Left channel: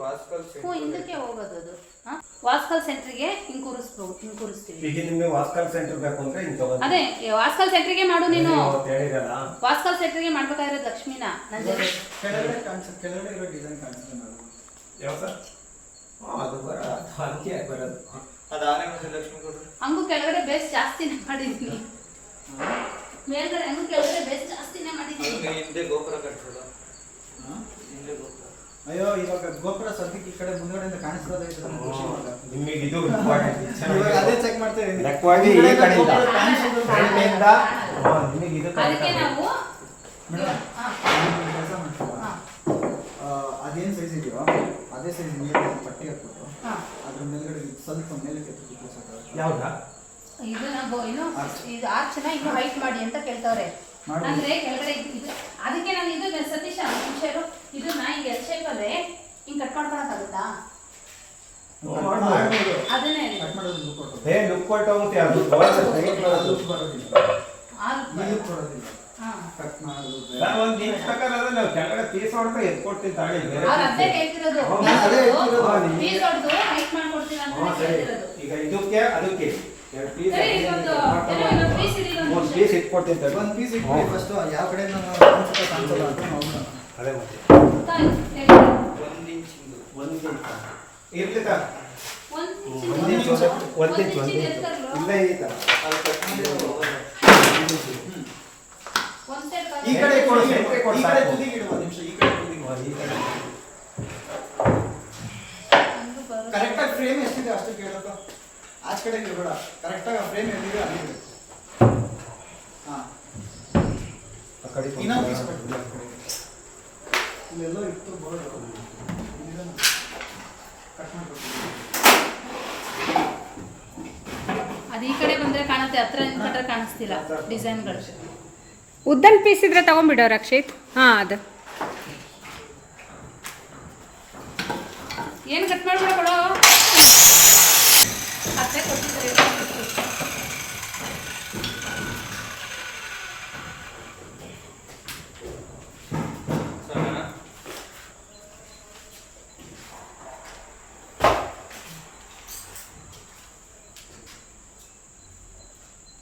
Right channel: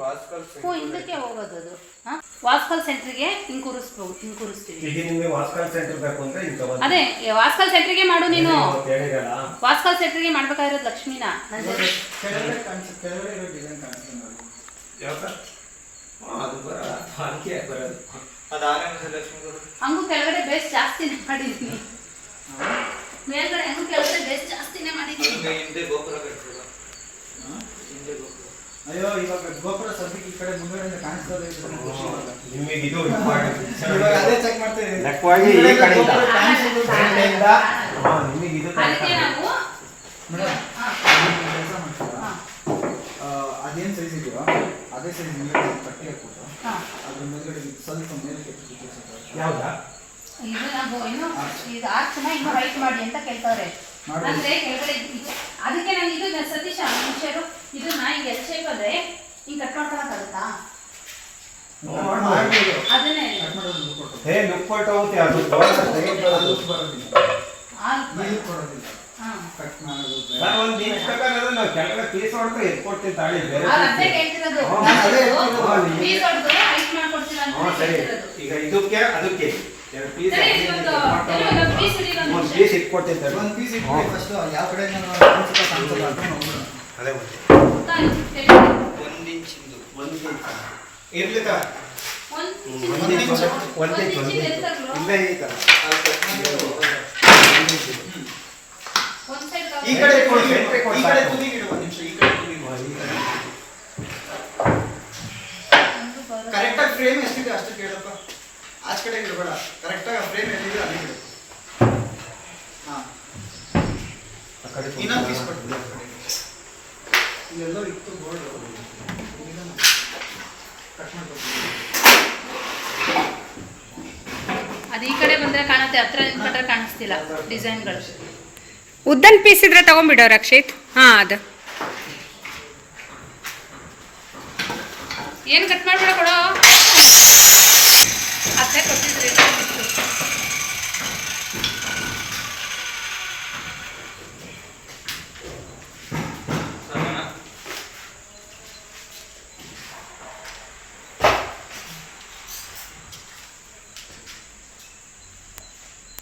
ವಾಸ್ಕಲ್ ಹ್ಞೂ ಹಿಂದಕ್ಕೆ ಹೋಗೋದು ಅದು. ವಾಸ್ಕಲ್ ಸೆಂಟ್ರಿಗೆ ಹಿಂಗೆ ಕೂರಿಸ್ಬೋದು ಹಿಂಗೆ ಕೂರಿಸ್ತೀವಿ ಈಗ ನಿಮಗೆ ವಾಸ್ಕಾಲ್ ಸೆಂಟರ್ ಬೇಕು ಅಂದ್ರೆ ಇಂತ ಬಂದು. ಅದೇ ವಾಸ್ಕಲ್ ಸೆಂಟ್ರಿಗೆ ಮಾಡು ನೀನು. ಹೇಳಿರಲ್ಲ ವಾಸ್ಕಲ್ ಸೆಂಟ್ರಿಗೆ ಮಾಡ್ಬೇಕಾಗಿರೋದು ಲಕ್ಷ್ಮಿನ. ನನ್ನ ಜೊತೆ ಕೆಳಗಡೆ ಕಾಣಿಸುತ್ತೆ ಕೆಳಗಡೆ ಇರೋ ಡಿಸೈನ್ ಕಾಣಿಸುತ್ತೆ ನೋಡಿ ಯಾವ ಸರ್ ಹಾಂ ಅದು ಬರ ಅದಕ್ಕೆ ಬರೋದು. ಹಂಗೂ ಕೆಳಗಡೆ ಬೇಸ್ ಜಾಸ್ತಿನೇ ಮಾಡಿದ್ದೀನಿ ಮೇಲ್ಗಡೆ ಹಂಗೂ ಕೆಳಗಡೆ ಬೇಸ್ ಜಾಸ್ತಿನೇ ಮಾಡಿದ್ದೀನಿ ಹಿಂದೆ ಗೋಪುರ ಅಯ್ಯೋ ಇವಾಗ ಗೋಪುರ ಸದ್ಯಕ್ಕೆ ಈ ಕಡೆ ಮುಂದ್ಗಡೆಯಿಂದ ಕಾಣಿಸ್ತದೆ ನಮ್ಗೆ ಇದು ಇವಾಗ ಅದೇ ಚೆಕ್ ಮಾಡ್ತಾ ಈ ಕಡೆಯಿಂದ. ಕಡೆಯಿಂದ ನಿಮಗೆ ಇದು ಅದಕ್ಕೆ ನಾವು ನೀವು ಅದೇನ್ ಸೈಜ್ ಇದೆಯೋ ಅದೇ ಸೈಜ್ ನೀರು ಪಟ್ಟಿ ಹಾಕ್ಬಿಟ್ಟು ಅದ್ರ ಮೇಲ್ಗಡೆ ಸ್ವಲ್ಪ ಮೇಲೆ ಯಾವ್ದಾ? ಇದು ನಾವು ಏನು ಇದು ಆರ್ಚನ ಇನ್ನೂ ಹೈಟ್ ಮಾಡಿ ಅಂತ ಕೇಳ್ತಾರೆ. ಅಂದ್ರೆ ಕೆಳಗಡೆ ಇದು ಅದಕ್ಕೆ ನಾನು ಇದು ಸತೀಶ್ ಮನುಷ್ಯರು ಇದನ್ನ ಹಿಂಗೆ ಎಲ್ ಶೇಪ್ ಅಂದ್ರೆ ಹಿಂಗೆ ಕಟ್ ಮಾಡ್ಕೊಳಕ್ಕಾಗುತ್ತಾ. ಅದನ್ನೇ. ಹೇ ಲುಕ್ ಕೊಟ್ಟು. ಹೋಗುತ್ತೆ ಅದು ಈ ಕಟ್ ಮಾಡೋದು. ನಾನು ಒಂದು ನಿಮಿಷ ಪ್ರಕಾರ ಅದು ನಾವು ಕೆಳಗಡೆ ಪೀಸ್ ಹೊಡ್ಕೊಂಡು ಎತ್ಕೊಡ್ತೀವಿ ತಾಳಿ ಬೇರೆ ಅದೇ ಕೇಳ್ತಿರೋದು ಹ್ಞೂ, ಅದೇ ಹೇಳ್ತಿರೋದು. ಫೀಸ್ ಹೊಡೆದು ಹೈಟ್ ಮಾಡ್ಕೊಡ್ತೀವಿ ಅಂತ ಸರಿ. ಈಗ ಇದಕ್ಕೆ ಅದಕ್ಕೆ. ಎರಡು ಪೀಸ್ ಸರಿ ಒಂದು ಪೀಸ್ ಇಟ್ಕೊಡ್ತೀನಿ ತಡಿ. ಒಂದ್ ಪೀಸ್ ಫಸ್ಟ್ ಯಾವ ಕಡೆ ನಾನು ಕಾಣಿಸಲ್ಲ ಅಂತ ನೋಡೋಣ. ಅದೇ ಮತ್ತೆ. ತಾಯಿ, ಒಂದು ಒಂದು ಇಂಚ್ ಇಂಚ್ ಇಂಚ್? ಇಲ್ಲೇ ಈ ಥರ ಈ ಕಡೆ ಕೊಡು, ಈ ಕಡೆ. ತುದಿಗೆ ಒಂದು ನಿಮಿಷ ಈ ಕಡೆ ತುದಿಗೆ ಈ ಕಡೆ. ಒಂದು ಬರುತ್ತೆ. ಕರೆಕ್ಟ್ ಆಗಿ ಫ್ರೇಮ್ ಎಷ್ಟಿದೆ ಅಷ್ಟು ಕೇಳಪ್ಪ. ಆಚ ಕಡೆ ಇರಬೇಡ ಕರೆಕ್ಟಾಗಿ ಫ್ರೇಮ್ ಎಲ್ಲಿದೆ ಅಲ್ಲಿ ಇಡು ಹಾ. ಆ ಇನ್ನೊಂದು ಪೀಸ್ ಕೊಡ್ತೀನಿ ಇಲ್ಲೆಲ್ಲೋ ಇತ್ತು ಬೋರ್ಡ್ ಕಟ್ ಮಾಡ್ಕೊಡ್ತೀನಿ ಅದು ಈ ಕಡೆ ಬಂದ್ರೆ ಕಾಣುತ್ತೆ ಹತ್ರ ನಿಂತ್ಕೊಂಡ್ರೆ ಕಾಣಿಸ್ತಿಲ್ಲ ಡಿಸೈನ್ಗಳು. ಉದ್ದನ್ ಪೀಸ್ ಇದ್ರೆ ತಗೊಂಡ್ಬಿಡೋ ರಕ್ಷಿತ್. ಹಾಂ ಅದು. ಏನು ಕಟ್ ಮಾಡ್ಬಿಡ ಕೊಡೋ. ಅತ್ತೆ ಕೊಟ್ಟಿದ್ರಿ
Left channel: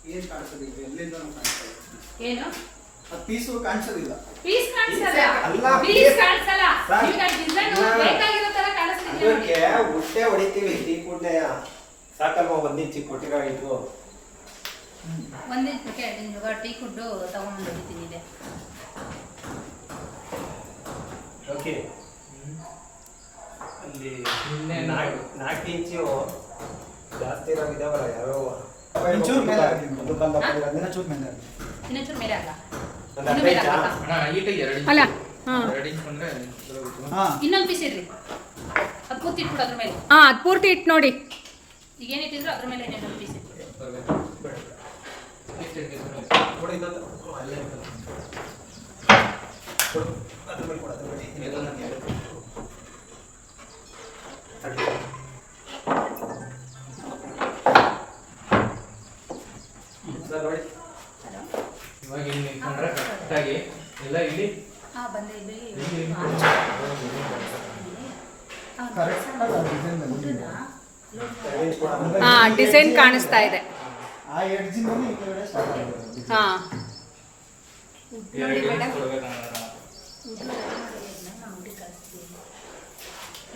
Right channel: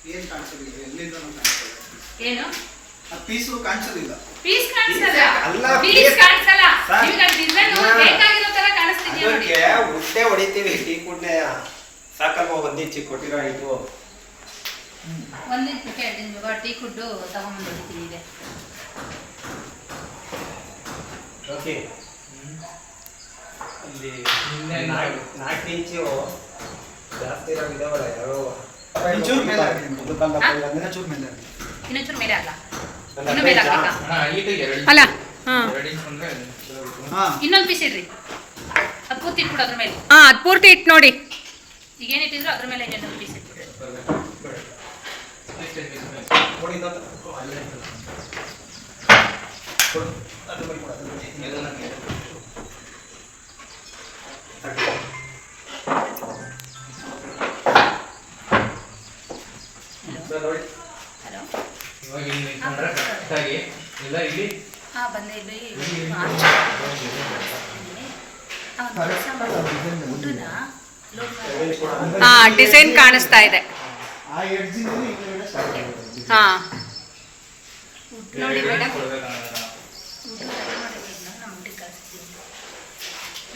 ಏನ್ ಎಲ್ಲಿಂದನೂ ಕಾಣಿಸಲ್ಲ ಏನು? ಆ ಪೀಸು ಕಾಣಿಸೋದಿಲ್ಲ ಪೀಸ್ ಕಾಣಿಸಲ್ಲ ಅಲ್ಲ, ಪೀಸ್ ಕಾಣಿಸಲ್ಲ. ಸರ್. ನಿಮ್ಗೆ ಡಿಸೈನ್ ಬೇಕಾಗಿರೋ ತರ ಕಾಣಿಸ್ತಿದೆಯಾ ಅದಕ್ಕೆ ಹೊಡಿತೀವಿ ಟೀ ಕುಡ್ನೆ ಸಾಕಲ್ವ ಒಂದು ಇಂಚಿ ಕೊಟ್ಟಿರೋ ಒಂದಿನ ಕೇಳಿ ಇವಾಗ ಟೀ ಕುಡ್ಡು ತಗೊಂಡು ಬರ್ತೀನಿ ಇದೆ ಓಕೆ. ಅಲ್ಲಿ ನಾಲ್ಕು ಇಂಚು ಜಾಸ್ತಿ ಇರೋ ಇದಾವಲ್ಲ ಯಾರೋ ಒಂಚೂರು ಮೇಲೆ ಆಗಲಿ ಒಂದು ಕಂದ ಚೂರು ಮೇಲೆ ಆಗಲಿ ಇನ್ನೊಂಚೂರು ಮೇಲೆ ಇನ್ನು ಎರಡು ಅಲ್ಲ ಎರಡು ಹಾ. ಇನ್ನೊಂದು ಪೀಸ್ ಇಡ್ರಿ. ಅದು ಪೂರ್ತಿ ಇಟ್ಬಿಡು ಅದ್ರ ಮೇಲೆ. ಹಾಂ ಅದು ಪೂರ್ತಿ ಇಟ್ಟು ನೋಡಿ. ಈಗ ಅದ್ರ ಮೇಲೆ ಪೀಸ್ ಐತಲ್ಲ. ಕೊಡು. ಅದ್ರ ಮೇಲೆ. ಸರ್ ನೋಡಿ ಹಲೋ ಇವಾಗ ಇಲ್ಲಿ ಹಾಂ ಬಂದೆ ಇಲ್ಲಿ design ಬಂದಿದೆ. ಹಾಂ ಡಿಸೈನ್ ಕಾಣಿಸ್ತಾ ಇದೆ. ಹಾಂ. ನೋಡಿ ಮೇಡಮ್. ಕೊಡ್ಬೇಕನ್ನೋದನ್ನ.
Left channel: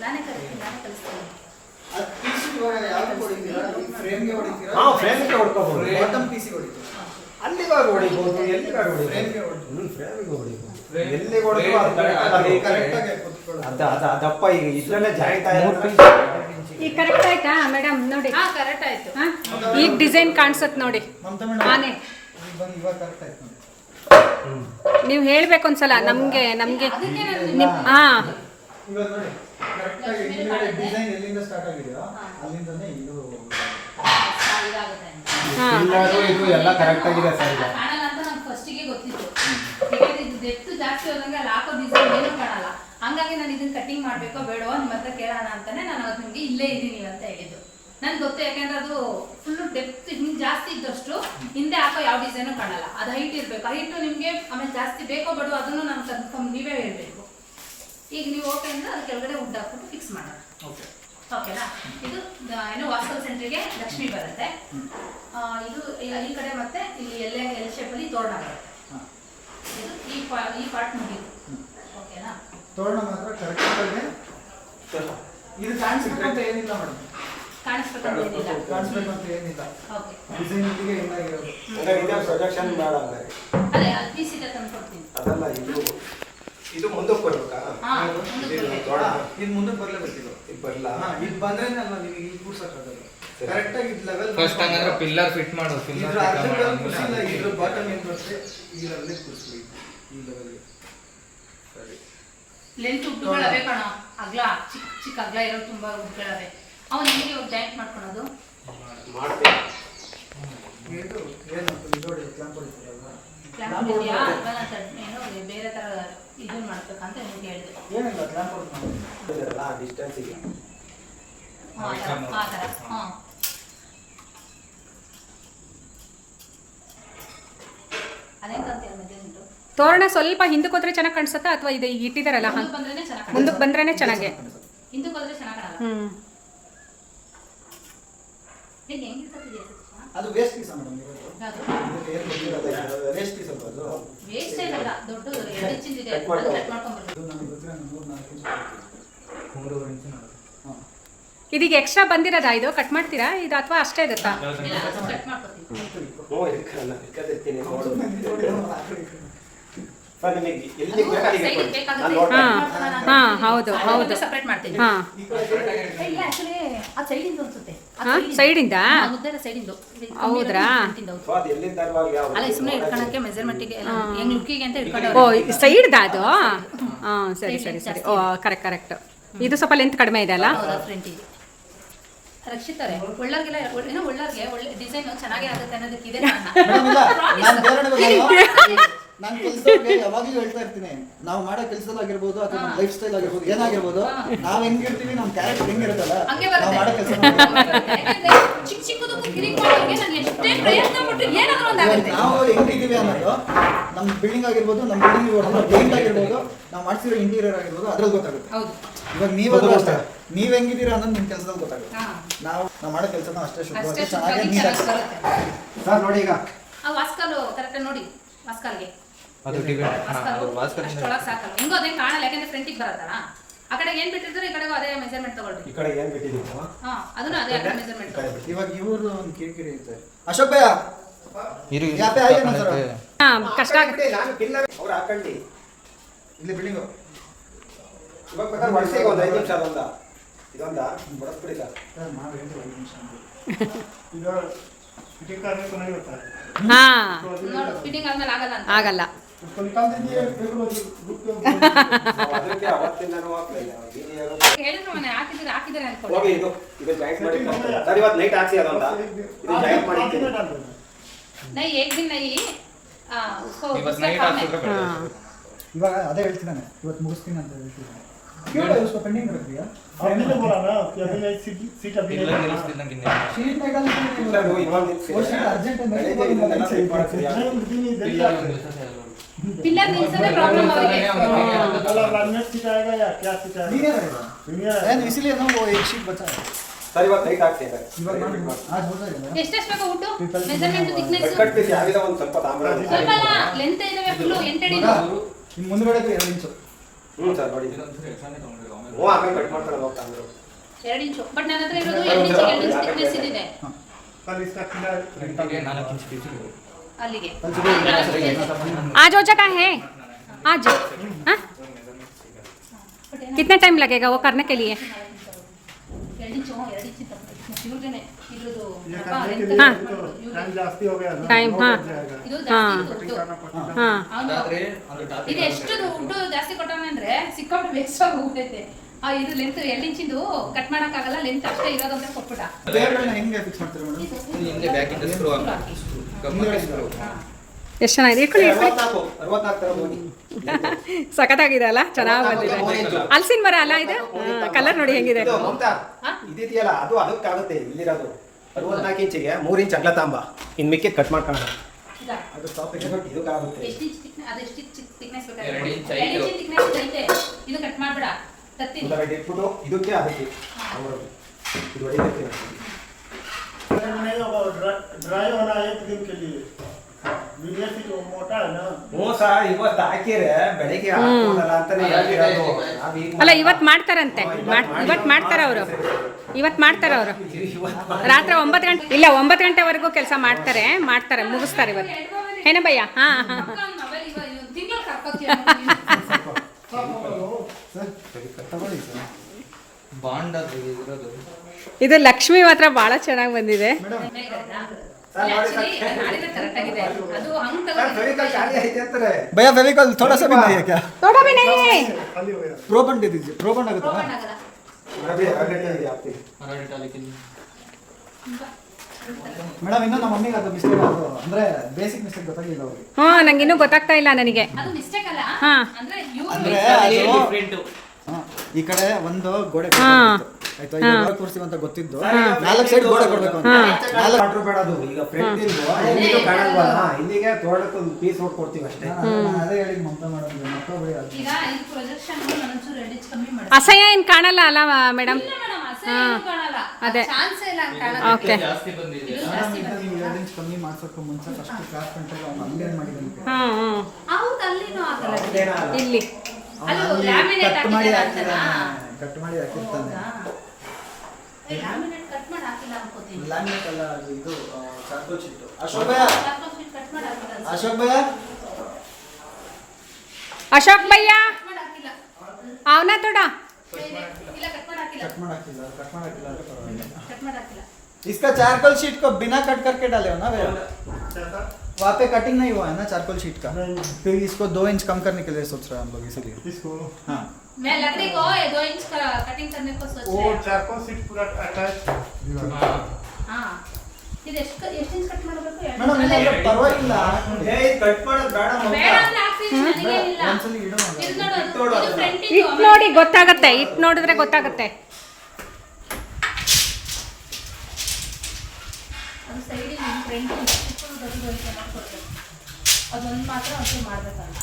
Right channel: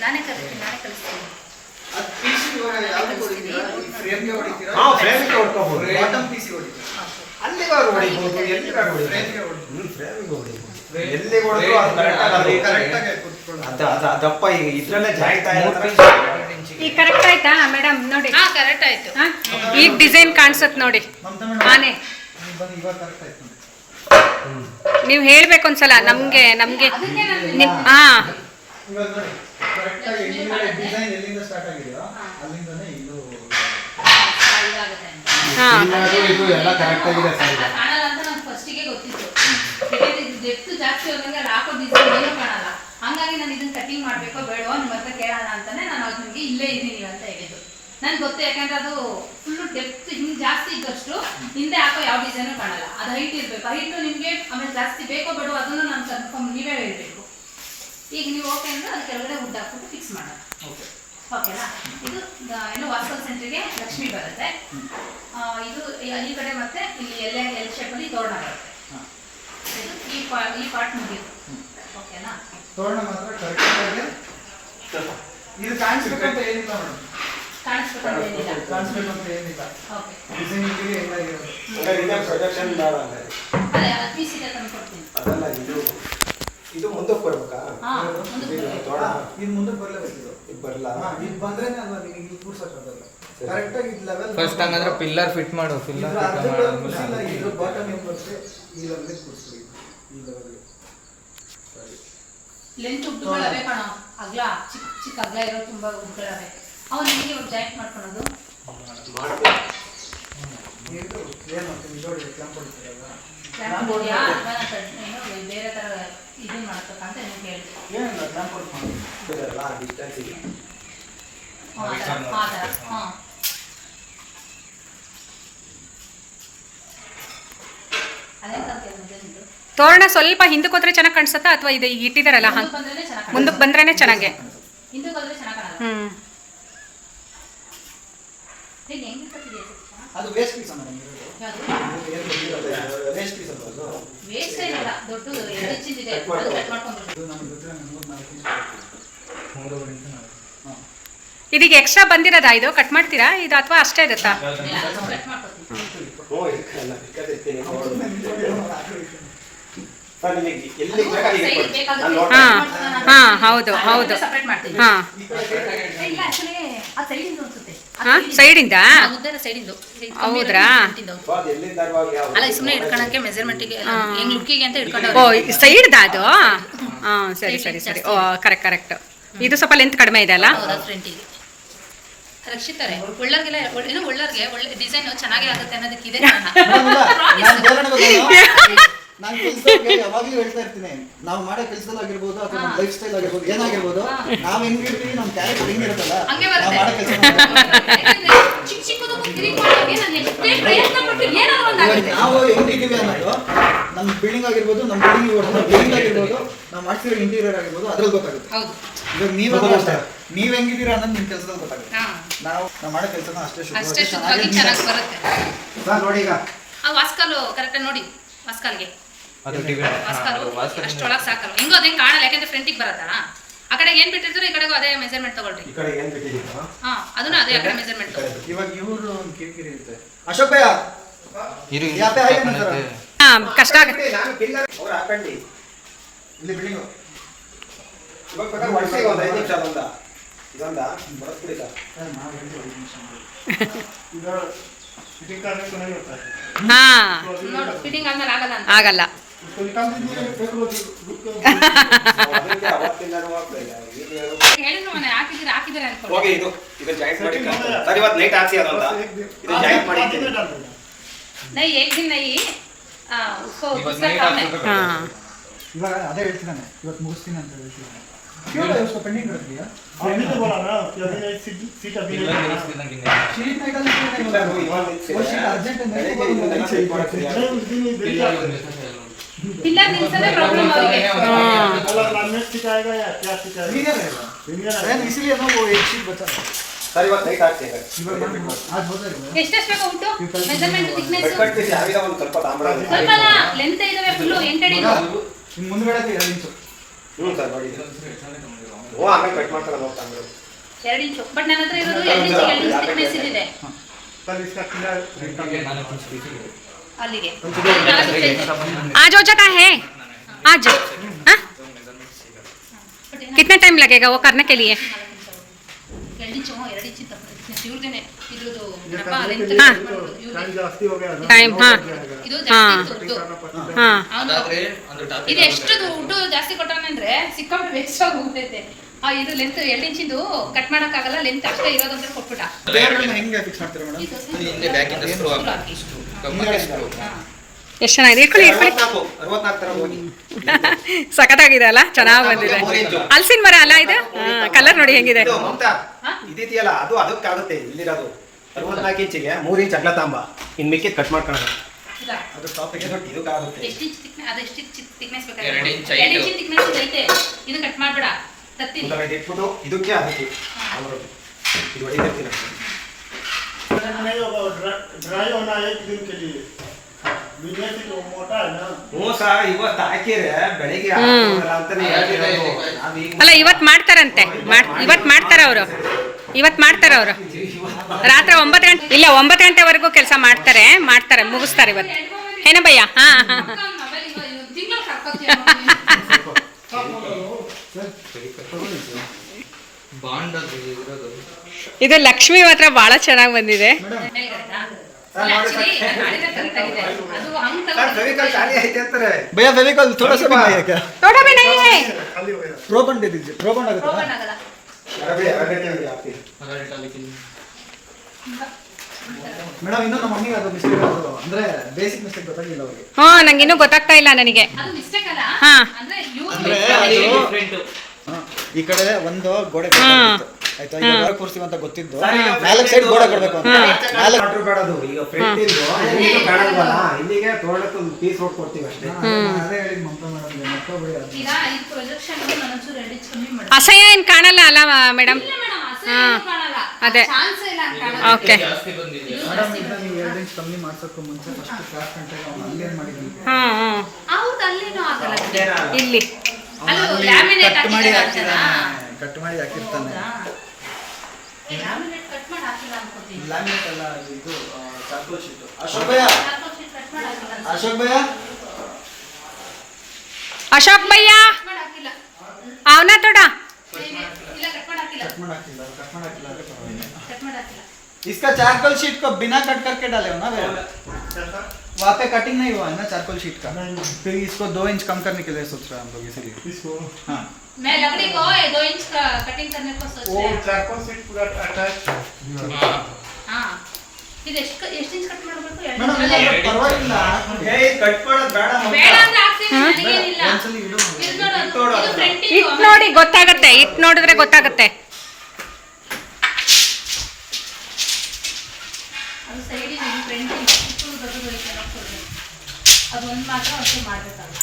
ನಾನೇ ಕಲಿಸ್ತೀನಿ ನಾನೇ. ಎಲ್ಲಿ ಈಗ ಇದ್ರಲ್ಲೇ ಜಾಯಿಂಟ್ ಈಗ ಕರೆಕ್ಟ್ ಆಯ್ತಾ ಮೇಡಮ್ ನೋಡಿ. ಹಾಂ ಕರೆಕ್ಟ್ ಆಯ್ತು. ಹಾಂ? ಈಗ ಡಿಸೈನ್ ಕಾಣಿಸತ್ ನೋಡಿ. ಆನೆ. ಈಗ ಬಂದು ಇವಾಗ ಕರೆಕ್ಟ್ ಆಯ್ತು ನೋಡಿ ನೀವು ಹೇಳ್ಬೇಕು ಒಂದ್ಸಲ ನಮಗೆ ನಮಗೆ ನಿಮ್ ಹಾಂ. ಇವಾಗ ನೋಡಿ ಕರೆಕ್ಟ್ ಆಗಿ ಹಿಂದ್ಗಡೆ ಡಿಸೈನ್ ಎಲ್ಲಿಂದ ಸ್ಟಾರ್ಟ್ ಆಗಿದೆಯೋ ಅಲ್ಲಿಂದನೇ ಇದು. ಹಾಂ. ಇದು ಇದು ಎಲ್ಲ ಕರೆಕ್ಟ್ ಆಗಿದೆ ಸರ್ ಈಗ ಕಾಣಲ್ಲ ಅಂತ ನಂಗೆ ಫಸ್ಟಿಗೆ ಗೊತ್ತಿತ್ತು ಇದು ಡೆಪ್ತ್ ಜಾಸ್ತಿ ಹೋದಂಗೆ ಅಲ್ಲಿ ಹಾಕೋ ಡಿಸೈನ್ ಏನೂ ಕಾಣಲ್ಲ. ಹಂಗಾಗಿ ನಾನು ಇದನ್ನ ಕಟಿಂಗ್ ಮಾಡಬೇಕೋ ಬೇಡವೋ ನಿಮ್ಮ ಹತ್ರ ಕೇಳೋಣ ಅಂತಾನೆ ನಾನು ಅದು ನಿಮಗೆ ಇಲ್ಲೇ ಇದ್ದೀನಿ ಅಂತ ಹೇಳಿದ್ದು. ನನ್ಗೆ ಗೊತ್ತು ಯಾಕಂದ್ರೆ ಅದು ಫುಲ್ಲು ಡೆಪ್ತ್ ಹಿಂಗೆ ಜಾಸ್ತಿ ಇದ್ದಷ್ಟು ಹಿಂದೆ ಹಾಕೋ ಯಾವ ಡಿಸೈನು ಕಾಣಲ್ಲ. ಅದು ಹೈಟ್ ಇರಬೇಕು. ಹೈಟ್ ನಿಮಗೆ ಆಮೇಲೆ ಜಾಸ್ತಿ ಬೇಕೋ ಬೇಡೋ ಅದನ್ನು ನಾನು ಕನ್ಫರ್ಮ್ ನೀವೇ ಹೇಳಬೇಕು. ಈಗ ನೀವು ಓಕೆ ಅಂದ್ರೆ ಅದು ಕೆಳಗಡೆ ಉದ್ದ ಹಾಕಿ ಫಿಕ್ಸ್ ಮಾಡೋಣ. ಓಕೆ ಓಕೆನಾ ಇದು ಏನು ವಾಸ್ತವ ಸೆಂಟ್ರಿಗೆ ಲಕ್ಷ್ಮಿ ಬರುತ್ತೆ. ಇದು ಈ- ಕಡೆ ಮತ್ತೆ ಇಲ್ಲಿ ಎಲ್ಲೇ ಎಲ್ ಶೇಪಲ್ಲಿ ತೋರಣ ಬರುತ್ತೆ. ಇದು ಈ ಪಾ ಈ ಪಾರ್ಟ್ ಓಕೆನಾ ತೋರಣ ಮಾತ್ರ ಕರೆಕ್ಟಾಗಿ ಇದು ಕಾಣಿಸ್ಬೇಕಂತ ಏನಿಲ್ಲ ಮೇಡಮ್. ಅಂತ ಏನಿಲ್ಲ. ಕಾಣಿಸ್ಬೇಕು ಅಂತ ಏನಿಲ್ಲ. ಓಕೆ. ಡಿಸೈನಿಂಗ್ ಏನಾಗಿರೋದು ಇಲ್ಲ ಇದೇ ಪ್ರೊಜೆಕ್ಷನ್ ಬೇಡ ಅಂದ್ರೆ ಅದೇ ಪಿ ಸಿ ತಂದು ಕೊಡ್ತೀನಿ. ಅದಲ್ಲ ಇದು ಇದು ಮುಂದಕ್ಕೆ ಬರ್ಬೇಕಾ ಇದು ಇದು ಮುಂದಕ್ಕೆ ಬರಲೇಬೇಕು ಇದು. ಬರಲ್ಲ ಇದು ಬಂದ್ರೆ ಅಲ್ವಾ ನಿಮಗೆ ಇಲ್ಲಿ ಕೂರ್ಸಕ್ಕಾಗಲ್ಲ. ಕರೆಕ್ಟಾಗಿ ಇದು ಲೆವೆಲ್ ಫಸ್ಟ್ ಹಂಗಂದ್ರೆ ಪಿಲ್ಲರ್ ಫಿಟ್ ಮಾಡು ಪಿಲ್ಲರ್ ಇದ್ರ ಅರ್ಧಕ್ಕೆ ಕೂರ್ಸಿಲ್ಲ ಇದ್ರ ಬಾಟಮ್ ಏನು ಬರುತ್ತೆ ಈ ಲೆವೆಲ್ ಈ ಲೆವೆಲ್ಗೆ ಸರಿ ಲೆಂತ್ ಉಡ್ಡುಗಳವೆ ಕಣ. ಅಗ್ಲ ಚಿಕ್ಕ ಚಿಕ್ಕ ಅಗ್ಲ ಇರೋ ತುಂಬಾ ಉಡ್ಗಳವೆ ಅವನು ಹೇಗೆ ಜಾಯಿಂಟ್ ಮಾಡ್ಕೊಳೋದು? ಬೇರೆ ತರ ಇದನ್ನ ಮಾಡ್ಬೇಕಂತ ನಿಮ್ಗೆ ಹೇಳಿದೆ. ಆ ಥರ ಹಾಂ ಅದೇ ತೋರಣ ಸ್ವಲ್ಪ ಹಿಂದಕ್ಕೆ ಹೋದ್ರೆ ಚೆನ್ನಾಗಿ ಕಾಣಿಸುತ್ತಾ ಅಥವಾ ಇದು ಈಗ ಇಟ್ಟಿದ್ದಾರಲ್ಲ ಹಾಂ ಮುಂದಕ್ಕೆ ಬಂದ್ರೆ ಚೆನ್ನಾಗಿ. ಚೆನ್ನಾಗೆ ಹಿಂದಕ್ಕೆ ಬಂದ್ರೆ ಚೆನ್ನಾಗಿ ಕಾಣಲ್ಲ. ಹ್ಞೂ ಇದೀಗ ಎಕ್ಸ್ಟ್ರಾ ಬಂದಿರೋದಾ ಇದು? ಕಟ್ ಮಾಡ್ತೀರಾ? ಇದು ಅಥವಾ ಅಷ್ಟೇ ಇರುತ್ತಾ ಇಲ್ಲ ಕಟ್ ಮಾಡ್ಕೊಡ್ತೀವಿ ಹ್ಞೂ ಇಟ್ಕಲ್ಲ ಇಟ್ಕೊಂಡಿರ್ತೀನಿ ನೋಡು ಸರ್ ನಿಮಗೆ ಎಲ್ಲಿ ಬೇಕಾಗಿದೆ ಸೈಡ್ ಬೇಕಾಗುತ್ತೆ. ನಾನು ನೋಡ್ತೀನಿ. ಹಾಂ ಹಾ ಹೌದು ಹೌದು. ಸಪ್ರೇಟ್ ಮಾಡ್ತೀನಿ. ಹಾಂ. ಆ ಸೈಡಿಂದ ಹಾಂ ಹೌದ್ರಾ? ಓ ಸೈಡ್ದ ಅದು? ಹಾಂ ಸರಿ ಸರಿ ಸರಿ. ಓ ಕರೆಕ್ಟ್ ಕರೆಕ್ಟ್ ಇದು ಸ್ವಲ್ಪ ಲೆಂತ್ ಕಡಿಮೆ ಇದೆ ಅಲ್ಲ? ರಕ್ಷಿತಾರೆ ಒಳ್ಳರ್ಗೆಲ್ಲ ಏನೋ ಒಳ್ಳರ್ಗೆ ಒಳ್ಳೆ ಡಿಸೈನ್ ಚೆನ್ನಾಗೇ ಆಗುತ್ತೆ ಅನ್ನೋದಕ್ಕಿದೆ. ನಾನು ಕೆಲಸಕ್ಕೆ ಯಾವಾಗಲೂ ಹೇಳ್ತಾ ಇರ್ತೀನಿ. ನಾವು ಮಾಡೋ ಕೆಲಸದಲ್ಲಾಗಿರ್ಬೋದು ಅಥವಾ ನಮ್ಮ ಲೈಫ್ ಸ್ಟೈಲ್ ಆಗಿರ್ಬೋದು ಏನಾಗಿರ್ಬೋದು ನಾವು ಹೆಂಗಿರ್ತೀವಿ ನಮ್ಮ ಕ್ಯಾರೆಕ್ಟರ್ ಹೆಂಗಿರುತ್ತಲ್ಲ ಹಂಗೆ ನಾವು ಮಾಡೋ ಕೆಲಸ ಯಾಕಂದ್ರೆ ಚಿಕ್ಕ ಚಿಕ್ಕದಕ್ಕೂ ಕಿರಿಕ್ ಮಾಡೋಕೆ ನಾನು ಎಷ್ಟೇ ಪ್ರಯತ್ನ ಪಟ್ಟು ಏನಾದ್ರು ಒಂದಾಗುತ್ತೆ ನಾವು ಹೆಂಗಿದ್ದೀವಿ ಅನ್ನೋದು ನಮ್ಮ ಬಿಲ್ಡಿಂಗ್ ಆಗಿರ್ಬೋದು ನಮ್ಮ ಬಿಲ್ಡಿಂಗ್ ನಮ್ಮ ಬಿಲ್ಡಿಂಗ್ ಆಗಿರ್ಬೋದು ನಾವು ಮಾಡ್ತಿರೋ ಇಂಟೀರಿಯರ್ ಆಗಿರ್ಬೋದು ಅದ್ರಲ್ಲಿ ಗೊತ್ತಾಗುತ್ತೆ. ಹೌದು. ಇವಾಗ ನೀವೆಲ್ಲ ಅಷ್ಟೇ ನೀವ್ ಹೆಂಗಿದ್ದೀರಾ ಅನ್ನೋದು ನಿಮ್ಮ ಕೆಲಸದಲ್ಲಿ ಗೊತ್ತಾಗುತ್ತೆ. ನಾವು ನಾವು ಮಾಡೋ ಕೆಲಸನ ಅಷ್ಟೇ ಶುಭವಾಗಿ ಚೆನ್ನಾಗಿ ಚೆನ್ನಾಗಿ ಬರುತ್ತೆ. ಸರ್ ನೋಡಿ ಈಗ. ಆ ವಾಸ್ಕಲ್ ಕರೆಕ್ಟಾಗಿ ನೋಡಿ ವಾಸ್ಕಲ್ಗೆ. ಅದು ಡಿವೈಡ್ ವಾಸ್ಕಲ್ಲು ಅಷ್ಟೊಳಗೆ ಸಾಕಲ್ಲ. ಹೆಂಗೋ ಅದೇ ಕಾಣಲ್ಲ ಯಾಕಂದ್ರೆ ಫ್ರಂಟಿಗೆ ಬರತ್ತಲ್ಲ? ಆ ಕಡೆ ಏನ್ ಬಿಟ್ಟಿದ್ರು ಈ ಕಡೆಗೂ ಅದೇ ಮೆಜರ್ಮೆಂಟ್ ತಗೊಳ್ರಿ. ಈ ಕಡೆ ಏನ್ ಬಿಟ್ಟಿದ್ದೀರಾ? ಹಾ ಅದನ್ನು ಅದೇ ಆ ಕಡೆ ಮೆಜರ್ಮೆಂಟ್ ಇವಾಗ ಇವರು ಒಂದು ಕಿರಿಕಿರಿ ಇರುತ್ತೆ. ಅಶೋಕ್ ಭಯ್ಯ. ಇರು ಇರು. ಯಾಪೆ ಆಗಿ ನಂತರ. ಹಾಂ ಕಷ್ಟ ಆಗುತ್ತೆ ನಾನು ಪಿಲ್ಲರ್ ಅವ್ರು ಹಾಕೊಂಡಿ. ಇಲ್ಲಿ ಬಿಲ್ಡಿಂಗು ಇವಾಗ ಬೇಕಾದ್ರೆ ವರ್ಷಿಗೆ ಒಂದು ಐದು ನಿಮಿಷ ಅದೊಂದ. ಇದೊಂದ. ಬರಸ್ಬಿಡಿಲ್ಲ ಸರ್ ನಾವು ಹೇಳಿ ಐದು ನಿಮಿಷ ಹಾಂ. ನೋಡು ಫಿಟ್ಟಿಂಗ್ ಆದ್ಮೇಲೆ ಆಗಲ್ಲ. ಇದು ಇದು ಜಾಯಿಂಟ್ ಇವತ್ತು ನೈಟ್ ಇದು ಜಾಯಿಂಟ್ ಮಾಡಿ ಇವಾಗ ಅದೇ ಹೇಳ್ತೀನಿ ಇವತ್ತು ಮುಗಿಸ್ತೀನಿ ಅಂತ ಹೇಳ್ತೀನಿ ಪೆಂಡಿಂಗ್ ಇರುತ್ತೀಯಾ ಅರ್ಜೆಂಟ್ ಬೆಳಿಗ್ಗೆ ಇದನ್ನೆಲ್ಲ set ಮಾಡ್ತೀನಿ. नहीं, उस दिन नहीं ಪಿಲ್ಲರ್ देखा ಒಂದು ನಿಲ್ಸಕ್ಕೆ ಆಗಲ್ಲ. पिलर निल्सने प्रॉब्लम ಅವರಿಗೆ कलर लामिनेट सिखाएगा या क्या सिखाएगा क्लियर Clear है है इसीलिए ना वो एक शीट बचा है ಸರ್ ಇವತ್ತು ನೈಟ್ ಹಾಕ್ಸಿ ಇವಾಗ ನಾನು आज हो जाएगा ಎಷ್ಟೆಷ್ಟು ಬೇಕು ಉಂಟು ಮೆಜರ್ಮೆಂಟ್ ಥಿಕ್ನೆಸ್ ಕಟ್ ಪೀಸ್ ಯಾವಿದ ಒಂದು ಸ್ವಲ್ಪ ತಾಮ್ರ ಸ್ವಲ್ಪ ಲೆಂತ್ ಇದಾವೆ ಫುಲ್ ಎಂಟಡಿ ಇನ್ನು ಮುಂದ್ಗಡೆ ಎರಡು ಇಂಚು ಹ್ಞೂ ಸರ್ ನೋಡಿ ಇದೊಂದು ಸರಿ ಎಕ್ಸಾಮ್ ತಗೊಂಡಿರೋ ಆಮೇಲೆ. ಹ್ಞೂ ಆಮೇಲೆ ಕಟ್ ಮಾಡ್ತಾರೆ ಹೋಗ್ತಾ ತಾಮ್ರ ಎರಡು ಇಂಚು ಬಟ್ ನನ್ನ ಹತ್ರ ಇರೋದು ಎರಡು ಇಂಚು ಎರಡು ಇಂಚು ಥಿಕ್ನೆಸ್ ಇದಿದೆ कल इसका कलर ಫ್ರಂಟಿಗೆ ನಾಲ್ಕು ಇಂಚ್ ಪೀಸ್ ಇದೆ. ಅಲ್ಲಿಗೆ ಸ್ವಲ್ಪ ನಾಲ್ಕು ಇದೆ. आज हो जगह है आज हाँ But ಏನಾದ್ರು कितना टाइम लगेगा वो करने के लिए ಎರಡು ಇಂಚು ಹ್ಞೂ, ಎರಡು ಇಂಚು ಥಿಕ್ನೆಸ್ ಇವ್ರದೇನೆ ಇದ್ರದ್ದು ये ಏನಪ್ಪ करने के ಲೆಂತ್ लिए हाँ। तो टाइम जास्ती हो गया ना टाइम, हाँ। ಇದು हाँ। ಜಾಸ್ತಿ ದುಡ್ಡು करना पड़ता है हाँ ಅವನು ಅದಾದ್ರೆ ಒಂದು ಟಾಪಿಕ್ ಇದು ಎಷ್ಟು ದುಡ್ಡು ಜಾಸ್ತಿ ಕೊಟ್ಟಾನೆ ಅಂದ್ರೆ ಸಿಕ್ಕಾಪಟ್ಟೆ ವೇಸ್ಟ್ ಆಗಿ ಹೋಗ್ತೈತೆ ಆ ಇದು ಲೆಂತ್ ಎರಡು ಇಂಚಿಂದು ಕಟ್ ಮಾಡಕ್ಕಾಗಲ್ಲ ಲೆಂತ್ ಅಷ್ಟೇ ಇರೋದಂತ ಕೊಟ್ಬಿಟ್ಟ. ಬೇರೆಗಳನ್ನ ಹೆಂಗೆ ಫಿಕ್ಸ್ ಮಾಡ್ತೀರಾ ಮೇಡಮ್ ಇಲ್ಲಿ ಹಿಂದೆ ಬ್ಯಾಕ್ ಇಂದ ಸ್ಕ್ರೂ screw ಹಾಕಿ. ಕಮ್ಮಿ ಸ್ಕ್ರೂ ಎಷ್ಟು ಚೆನ್ನಾಗಿದೆ? ಇಟ್ಕೊಳ್ಳಿ ಇಟ್ಕೊಳ್ಳಿ ಸಖತ್ತಾಗಿದೆ ಅಲ್ಲ? ಚೆನ್ನಾಗಿ ಬಂದಿದೆ. ಹಲ್ಸಿನ ಮರ ಅಲ್ಲ ಇದು? ಕಲರ್ ನೋಡಿ ಹೆಂಗಿದೆ. ಇದು ಮಮತಾ ಹಾ? ಇದಿದೆಯಲ್ಲ ಅದು ಅದಕ್ಕಾಗುತ್ತೆ ಇಲ್ಲಿರೋದು. ಅರವತ್ನಾಲ್ಕು ಇಂಚಿಗೆ ಮೂರು ಇಂಚ್ ಅಗಲ ತಾಂಬ. ಇನ್ ಮಿಕ್ಕಿದ್ ಕಟ್ ಮಾಡ್ಕೊಳ್ಳೋಣ? ಅದು ಇದಕ್ಕಾಗುತ್ತೆ ಎಷ್ಟು ಇಂಚ್ ಅದು ಎಷ್ಟು ಬೇಕಾದ್ರೆ ಎರಡು ಕೊಡು. ಇಂಚ್. ಇದು ಐತೆ ಇದು. ಕಟ್ ಮಾಡ್ಬೇಡ. ಇದಕ್ಕೆ ಅದಕ್ಕೆ. ಇದು ಹೊಡಿತಿರ್ತೀನಿ ಅಲ್ಲ ಇವತ್ ಮಾಡ್ತಾರಂತೆ. ಇವತ್ ಮಾಡ್ತಾರ ಅವರು. ಇವತ್ ಮಾಡ್ತಾರ ಅವರು. ರಾತ್ರಿ ಒಂಬತ್ತು ಗಂಟೆ ಇಲ್ಲ ಒಂಬತ್ತು ಗಂಟೆವರೆಗೂ ಕೆಲಸ ಮಾಡ್ತಾರೆ ಮಾಡ್ತಾರೆ ಮುಗಿಸ್ತಾರೆ ಇವತ್ತು. ಏನಬಯ್ಯ ಹಾ ಹಾ ಇದು ಲಕ್ಷ್ಮಿ ಮಾತ್ರ ಬಹಳ ಚೆನ್ನಾಗಿ ಬಂದಿದೆ. ಇನ್ನೂ ಹಾ ನಂಗಿನ್ನೂ ಗೊತ್ತಾಗ್ತಾ ಇಲ್ಲ ನನಗೆ. ಈ ಕಡೆ ಒಂದು ಗೋಡೆ. ಆಯ್ತಾ? ಈಗ ಹೊರಗೆ ಕೂರ್ಸ್ತೀವಿ ಅಂತ ಗೊತ್ತಿದ್ದು ನಾಲ್ಕು ಸೈಡ್ ಗೋಡೆ ಕೊಡ್ಬೇಕು ಅಂತ. ನಾಲ್ಕು ಆರ್ಡರ್ ಮಾಡೋದು ಈಗ ಫ್ರಂಟ್ ಇಂದು ಇಲ್ಲಿಗೆ ಕಾಣಲ್ವಲ್ಲ? ಇಲ್ಲಿಗೆ ತೋಟಕ್ಕೆ ಒಂದು ಪೀಸ್ ಕೊಡ್ತೀವಿ ಅಷ್ಟೇ ಅದೇ ಹೇಳಿ ಮಮತಾ ಮಾಡೋದು. ಮತ್ತೊಬ್ಬರಿ ಅದು. ಈಗ ಈ ಪ್ರೊಜೆಕ್ಷನ್ ಒಂಚೂರು ಎರಡು ಇಂಚ್ ಕಮ್ಮಿ ಮಾಡಿ. ಅಸಹ್ಯ ಏನು ಕಾಣಲ್ಲ ಅಲ್ಲ ಮೇಡಮ್ ಅದೇ. ಚಾನ್ಸ್ ಇಲ್ಲ ಹಂಗ್ ಓಕೆ ಜಾಸ್ತಿ ಬಂದಿದೆ ಜಾಸ್ತಿ ಮೇಡಮ್ ಇಂಚ್ ಕಮ್ಮಿ ಮಾಡ್ಸೋಕ್ಕೂ ಮುಂಚೆ ಫಸ್ಟ್ ಕ್ಲಾಸ್ ಅವ್ನು ಅಲ್ಲೇನು ಇಲ್ಲಿ. ಕಟ್ ಮಾಡಿ ಹಾಕಿದಾನೆ ಕಟ್ ಮಾಡಿ ಹಾಕಿರ್ತಾನೆ. ಲ್ಯಾಮಿನೇಟ್ ಅಲ್ಲ ಇದು ಅಶೋಕ್ ಭಯ್ಯ? ಅಶೋಕ್ ಭಯ್ಯ? ಅಶೋಕ್ ಅವನ ತೊಡ? ಕಟ್ ಮಾಡಿ ಹಾಕಿಲ್ಲ. ಕಟ್ ಮಾಡಿ ಹಾಕಿಲ್ಲ ಕಟ್ ಮಾಡಿ ಹಾಕಿಲ್ಲ. इसका चारकोल शीट को बिना कट करके डाले हो ना भैया वहाँ पे कटिंग नहीं हुआ है ना चारकोल शीट का फिर इसको दो इंच कम करने के लिए सोच रहे हैं हम लोग इसीलिए इसको हाँ मैं लकड़ी को ये दो इंच का कटिंग करने को सोच वो रहे हैं चारकोल सीट पूरा अटैच ಹಾ ಇದು ಎಷ್ಟು ಎಷ್ಟು ಇಂಚ್ ಕಟ್ ಮಾಡಬೇಕು ಎರಡು ಮೇಡಮ್ ಇಂಚ್ ಪರವಾಗಿಲ್ಲ ಕಟ್ ಮಾಡೋದು ಬೇಡ ಬೇಡ ಅಂದ್ರೆ ಹಾಕ್ತೀನಿ ನನಗೇನಿಲ್ಲ ಒಂದ್ಸಲಿ ಇಡು ಮಗ. ಇದು ನೋಡು ಇದು ಫ್ರಂಟ್ ಇಟ್ ನೋಡಿ ಗೊತ್ತಾಗತ್ತೆ ಇಟ್ ನೋಡಿದ್ರೆ ಗೊತ್ತಾಗತ್ತೆ ಅದೊಂದು ಮಾತ್ರ ಅಷ್ಟೇ ಮಾಡ್ಬೇಕಲ್ಲ.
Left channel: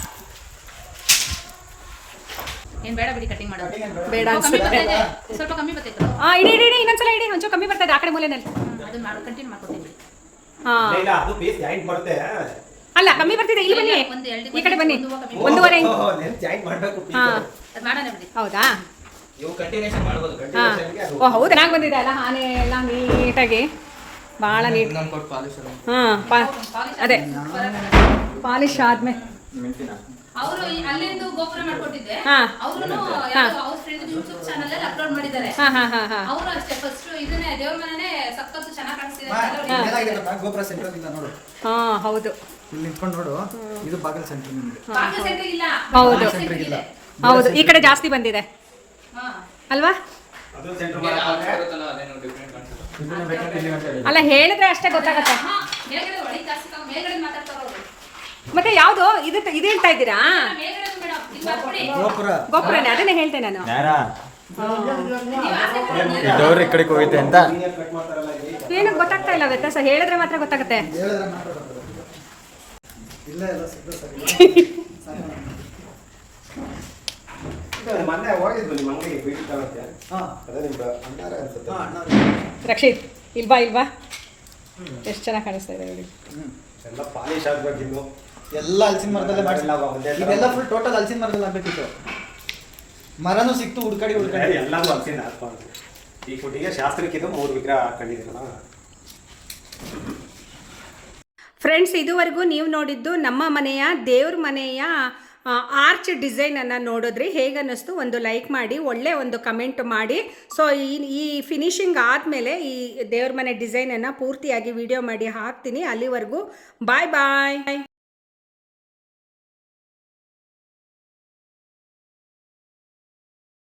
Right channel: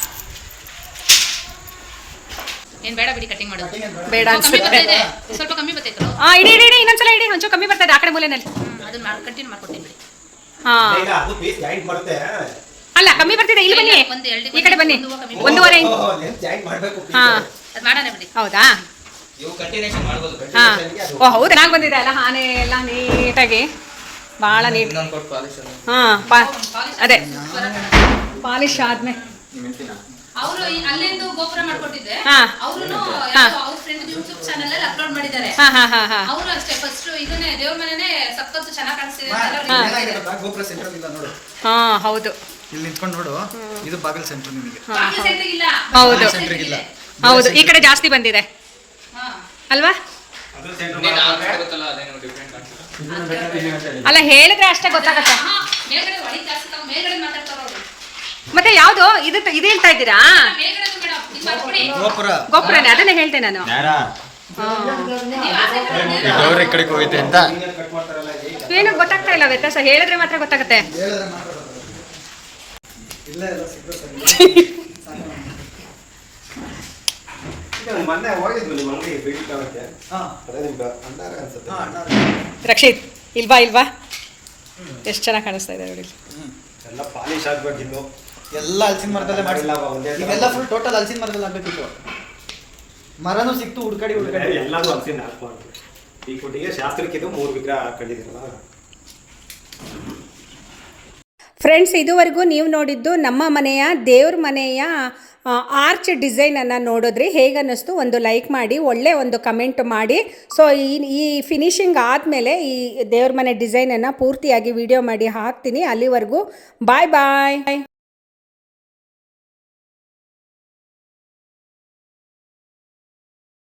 ಏನ್ ಬೇಡ ಬಿಡಿ ಕಟಿಂಗ್ ಮಾಡೋದು. ಬೇಡ. ಅನ್ಸುತ್ತೆ. ಸ್ವಲ್ಪ ಕಮ್ಮಿ ಬರ್ತೈತೆ ಹಾ ಇಡಿ ಇಡಿ ಇಡಿ ಇನ್ನೊಂದ್ಸಲ ಇಡಿ ಒಂಚೂರು ಕಮ್ಮಿ ಬರ್ತದೆ ಆ ಕಡೆ ಮೂಲೆನಲ್ಲಿ ಅದನ್ನ ಮಾಡಿ ಕಂಟಿನ್ಯೂ ಮಾಡ್ಕೊತೀನಿ ಹಾ. ಅಲ್ಲ ಕಮ್ಮಿ ಬರ್ತಿದೆ. ಇಲ್ಲಿ ಬನ್ನಿ. ಒಂದು ಎರಡು ಈ ಕಡೆ ಬನ್ನಿ. ಒಂದೂವರೆ ಹಾ. ಅದು ಮಾಡೋಣ ಬಿಡಿ. ಹೌದಾ? ಓ ಹೌದು ಚೆನ್ನಾಗಿ ಬಂದಿದೆ ಅಲ್ಲ ಆನೆ ಎಲ್ಲ ನೀಟಾಗಿ ಭಾಳ ನೀಟ್ ಹಾಂ ಅದೇ. ಪಾಲಿಶ್ ಆದ್ಮೇಲೆ ಅವರು ಅಲ್ಲಿಂದು ಗೋಪುರ ಮಾಡ್ಕೊಟ್ಟಿದ್ದೆ ಹಾ. ಅವರು ಹಾ. ಅವ್ರ ಫ್ರೆಂಡ್ ಯೂಟ್ಯೂಬ್ ಚಾನೆಲ್ ಅಲ್ಲಿ ಅಪ್ಲೋಡ್ ಮಾಡಿದ್ದಾರೆ. ಹಾ ಹಾ ಹಾ ಹಾ. ಅವರು ಅಷ್ಟೇ ಫಸ್ಟ್ ಇದನ್ನೇ ದೇವ್ರ ಮನೆನೇ ಸಖತ್ತು ಚೆನ್ನಾಗಿ ಕಾಣಿಸ್ತಿದೆ ಮಾ, ಅಂತ ಇಲ್ಲಿ ಹೇಳಿ ಏನಾಗಿದೆ ಗೊತ್ತಾ? ಗೋಪುರ ಸೆಂಟರ್ ಇಲ್ಲ ನೋಡು. ಹಾ ಹೌದು. ಇಲ್ಲಿ ನಿಂತ್ಕೊಂಡು ನೋಡು. ಇದು ಬಾಗಲ್ ಸೆಂಟರ್ ನಿಮಗೆ. ಬಾಗಿಲು ಸೆಂಟ್ರಿಗೆ ಇಲ್ಲ. ಹೌದು. ಹೌದು. ಈ ಕಡೆ ಜಾಸ್ತಿ ಬಂದಿದೆ. ಹಾ. ಅಲ್ವಾ? ಅಲ್ಲ ಹೇಳಿದ್ರೆ ಅಷ್ಟೇ ಗೊತ್ತಾಗತ್ತೆ. ಮತ್ತೆ ಯಾವ್ದು? ಇದು ಇದು ಹೇಳ್ತಾ ಇದ್ದೀರಾ? ಗೋಪುರ. ಗೋಪುರನೇ ಅದನ್ನೇ ಹೇಳ್ತೆ ನಾನು. ಕಡೆಗೆ ಹೋಗೈತೆ ಅಂತ. ಏನು ಗೊತ್ತಾಗ್ತಾ ಇಲ್ಲ ವ್ಯತ್ಯಾಸ ಹೇಳಿದ್ರೆ ಮಾತ್ರ ಗೊತ್ತಾಗುತ್ತೆ. ರಕ್ಷಿತ್ ಇಲ್ವಾ ಇಲ್ವಾ? ಎಷ್ಟು ಚೆನ್ನಾಗಿ ಕಾಣಿಸ್ತಾ ಇದೆ ನೋಡಿ. ಹ್ಮ್. ಎಲ್ಲ ಪಾಲಿಶ್ ಆಗ್ಬೇಕಿನ್ನು. ಎಲ್ಲ ಹಲಸಿನ ಮರದಲ್ಲೇ ಮಾಡಿ ಎಲ್ಲ ಇದೆಲ್ಲ ಫುಲ್ ಟೋಟಲ್ ಹಲಸಿನ ಮರದಲ್ಲಿ ಆಗ್ಬೇಕಿತ್ತು ಮರನೂ ಸಿಕ್ತು ಹುಡ್ಕಾಡಿ ಹುಡ್ಕಾಡಿ. ಎಲ್ಲಾನು ಹಲಸಿನ ಹಾಕ್ಬಾರ್ದು ಈ ಕೊಟ್ಟಿಗೆ ಶಾಸ್ತ್ರಕ್ಕೆ ಇದು ಮೂರು ವಿಗ್ರಹ ಹಾಕೊಂಡಿದ್ದೀರಲ್ಲ. ಫ್ರೆಂಡ್ಸ್ ಇದುವರೆಗೂ ನೀವು ನೋಡಿದ್ದು ನಮ್ಮ ಮನೆಯ ದೇವ್ರ ಮನೆಯ ಆರ್ಚ್ ಡಿಸೈನನ್ನು ನೋಡಿದ್ರಿ ಹೇಗನ್ನಿಸ್ತು ಒಂದು ಲೈಕ್ ಮಾಡಿ ಒಳ್ಳೆ ಒಂದು ಕಮೆಂಟ್ ಮಾಡಿ. ಸೊ ಈ ಈ ಫಿನಿಶಿಂಗ್ ಆದಮೇಲೆ ಈ ದೇವ್ರ ಮನೆ ಡಿಸೈನನ್ನು ಪೂರ್ತಿಯಾಗಿ ವಿಡಿಯೋ ಮಾಡಿ ಹಾಕ್ತೀನಿ. ಅಲ್ಲಿವರೆಗೂ ಬಾಯ್ ಬಾಯ್